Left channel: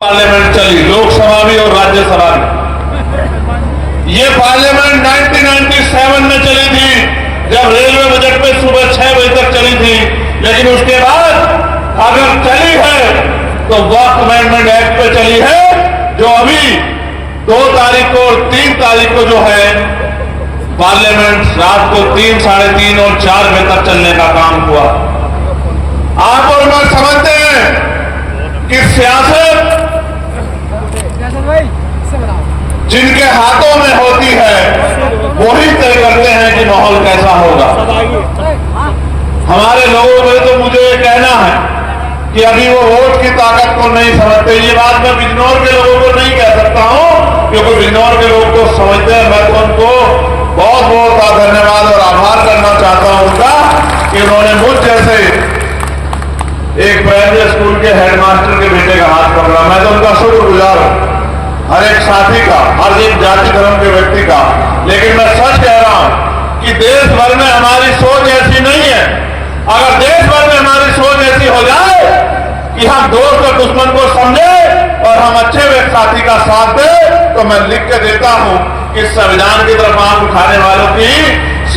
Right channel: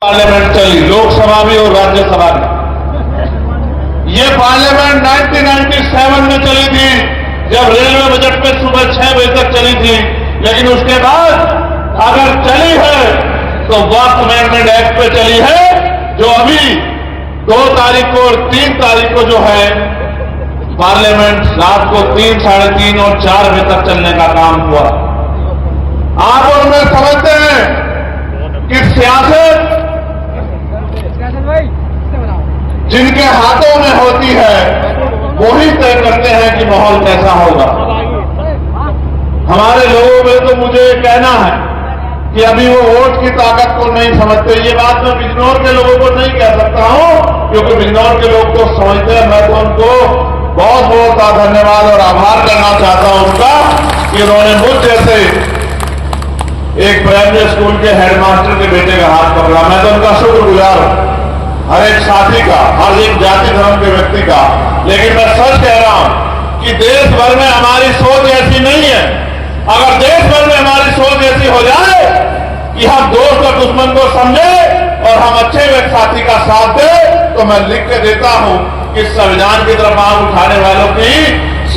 Parliament चली, लोकसभा भी और राज्यसभा भी। ये पार्लियामेंट 1997 में चली थी, जब रेलवे बजट में सुबह 6 बजे तक चली थी। लेकिन उसके बाद अगर चली है तो वक्त अमेंडमेंट एक्ट पे चली है, जो अभी 2 तारीख को और 3 तारीख को जो है पार्लियामेंट रात को 3, साढ़े 3 और 4 बजे तक चलने का काम हुआ। आप और मैं समझते हैं कि सियासत जिनके हाथों में होती है वही तय करते हैं कि माहौल कैसा होगा। हमारे लोगों में तो मुझे कहना है कि अभी वो वोट की ताकत को नहीं समझते। ये बात मैं बिजनौर के लोगों को नहीं कह सकता हूं, क्योंकि बिजनौर के लोग तो समझते हैं। मैं तो उनको बहुत बहुत धन्यवाद और आभार करना चाहता हूं उनका कि उन्होंने मुझ जैसे एक प्राइमरी स्कूल के हेडमास्टर के बेटे का हाथ पकड़ा। मैं तो उनका शुक्रगुजार हूं, हर एक साथी का, हर एक जाति धर्म के व्यक्ति का। लेकिन मैं सच कह रहा हूं कि देश भर में हमारी सोच ऐसी नहीं है। अगर देश भर में हमारी सोच ऐसी हो जाए कि हम दोस्त और दुश्मन को समझे और हम अच्छे एक साथी का साथ दें, तो मैं लिख के देता हूं कि संविधान की तरफ आंख उठाने वालों की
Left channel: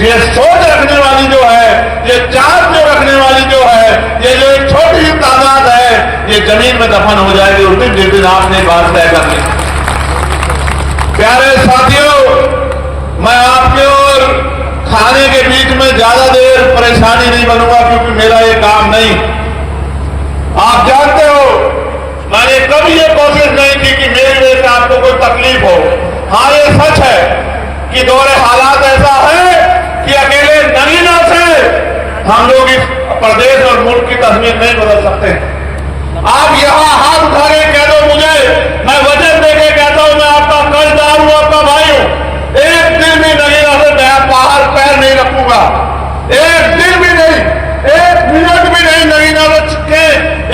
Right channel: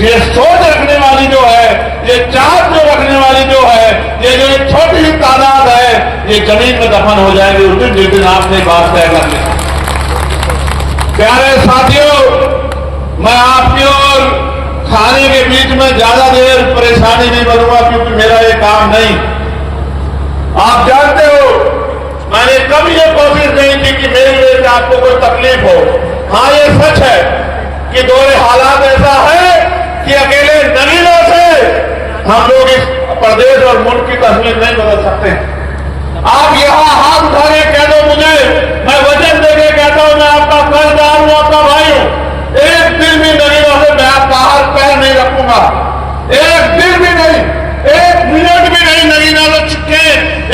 ये सोच रखने वाली जो है, ये चाहत जो रखने वाली जो है, ये जो एक छोटी सी तादाद है, ये जमीन में दफन हो जाएगी उस दिन, जिस दिन आपने बात तय कर ली। प्यारे साथियों, मैं आपके और खाने के बीच में ज्यादा देर परेशानी नहीं बनूंगा, क्योंकि मेरा ये काम नहीं। आप जानते हो मैंने कभी ये कोशिश नहीं की कि मेरी वजह से आपको कोई तकलीफ हो। हाँ, ये सच है कि दौरे हालात ऐसा है कि अकेले नगीना से हम लोग इस प्रदेश और मुल्क की तस्वीर नहीं बदल सकते। आप यहां हाथ उठा के कह दो मुझे, मैं वचन देके कहता हूं, मैं आपका कर्जदार हूं, आपका भाई हूं। एक दिन भी नगीना से मैं बाहर पैर नहीं रखूंगा, एक दिन भी नहीं, 1 मिनट भी नहीं नगीना से छुट्टे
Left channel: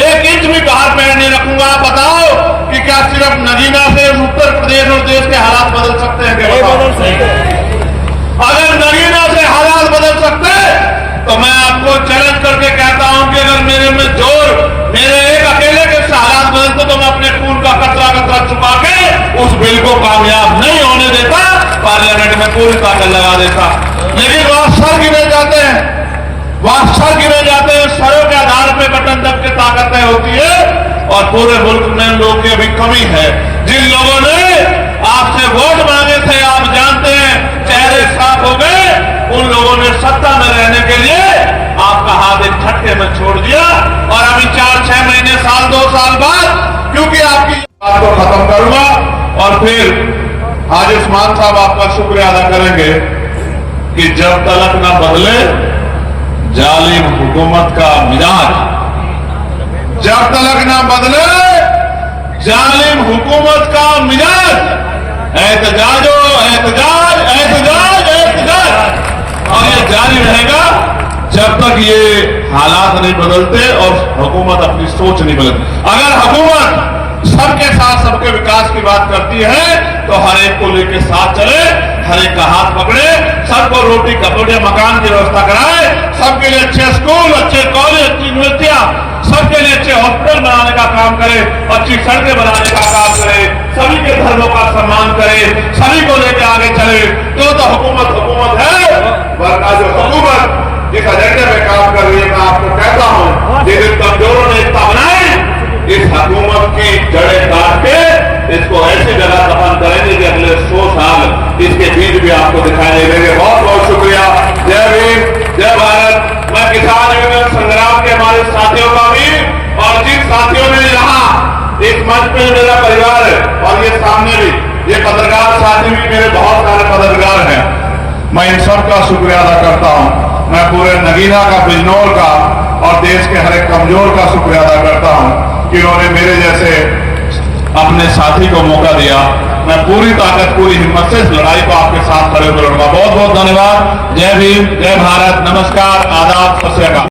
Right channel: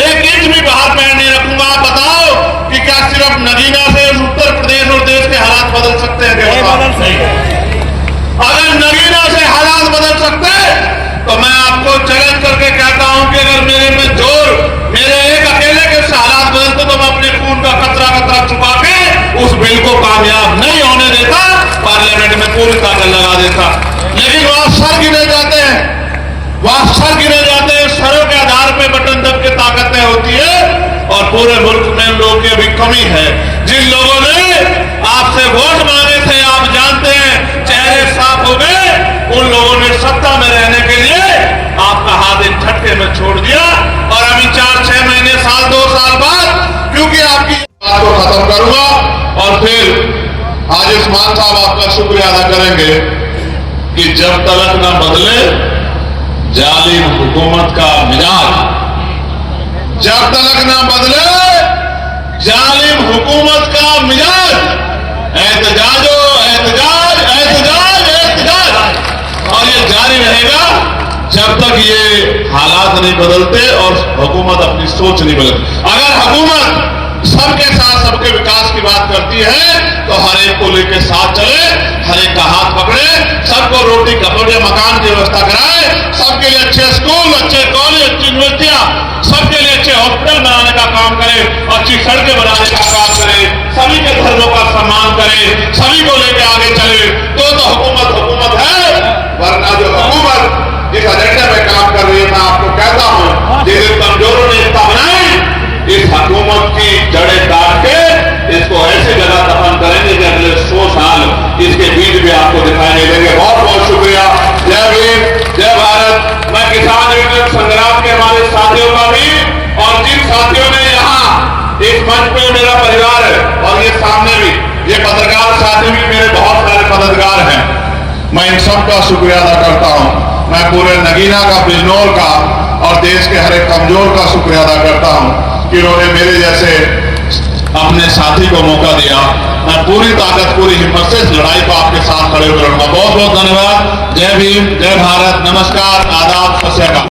1 इंच भी बाहर पैर नहीं रखूंगा। आप बताओ कि क्या सिर्फ नगीना से उत्तर प्रदेश और देश के हालात बदल सकते हैं? अगर नगीना से हालात बदल सकते तो मैं आपको चैलेंज करके कहता हूं कि अगर मेरे में जोर, मेरे एक अकेले के हालात बदलते तो मैं अपने खून का कतरा कतरा छुपा के उस बिल को कामयाब नहीं होने देता, पार्लियामेंट में पूरी ताकत लगा देता। लेकिन वहां सर गिरे जाते हैं, वहां सर गिरे जाते हैं, सरों के आधार पर बटन दब के ताकत तय होती है। और पूरे मुल्क में लोगों की भी कमी है। जिन लोगों ने आपसे वोट मांगे थे, आप जानते हैं, चेहरे साफ हो गए, उन लोगों ने सत्ता में रहने के लिए आपका हाथ एक झटके में छोड़ दिया। और अभी 4-6 महीने, साल, 2 साल बाद, क्योंकि आपकी बात को खत्म करूंगा और फिर आयुष्मान साहब आपका शुक्रिया अदा करेंगे कि जब तलक न बदले जालिम हुकूमत का मिजाज, जब तलक न बदले जालिम हुकूमत का मिजाज, एहतजाजो एहतजाज एहतजाज एहतजाज, और ये जारी रहेगा जब तक ये हालात नहीं बदलते और हुकूमत अपनी सोच नहीं बदलती। अगर हुकूमत सबके साथ सबके विकास की बात करती है तो हर एक को लेकर साथ चले, हर एक का हाथ पकड़े, सबको रोटी कपड़े मकान की व्यवस्था कराए, सबके लिए अच्छे स्कूल, अच्छे कॉलेज, अच्छी यूनिवर्सिटियां, सबके लिए अच्छे हॉस्पिटल बनाने का काम करे, अच्छी सड़कें बनाने का काम करे, सभी के धर्मों का सम्मान करे, सभी को लेकर आगे चले, तो हुकूमत है। वरना जो हुकूमत जिस एजेंडे में काम कर रही है, मैं आपको कहता हूं, जिन कमजोरों ने इसका बनाई, इस हुकूमत की जड़ें काट के इसको ऐसी जगह दफन करेंगे कि अगले 100 साल इसके बीज भी आपको दिखाई नहीं देंगे। बहुत बहुत शुक्रिया। जय भीम, जय भारत। मैं किसान यूनियन संग्राम के हमारे साथियों का भी, और जिन साथियों ने यहाँ इस मंच पे मेरा परिवार है और ये सामने भी ये पत्रकार साथी भी मेरे बहुत सारे पत्रकार हैं, मैं इन सबका शुक्रिया अदा करता हूं। मैं पूरे नगीना का, बिजनौर का और देश के हर एक कमजोर का शुक्रिया अदा करता हूं कि उन्होंने मेरे जैसे अपने साथी को मौका दिया। मैं पूरी ताकत, पूरी हिम्मत से इस लड़ाई को आपके साथ खड़े होकर लड़ूंगा। बहुत बहुत धन्यवाद। जय भीम, जय भारत, नमस्कार, आदाब, सत श्री अकाल।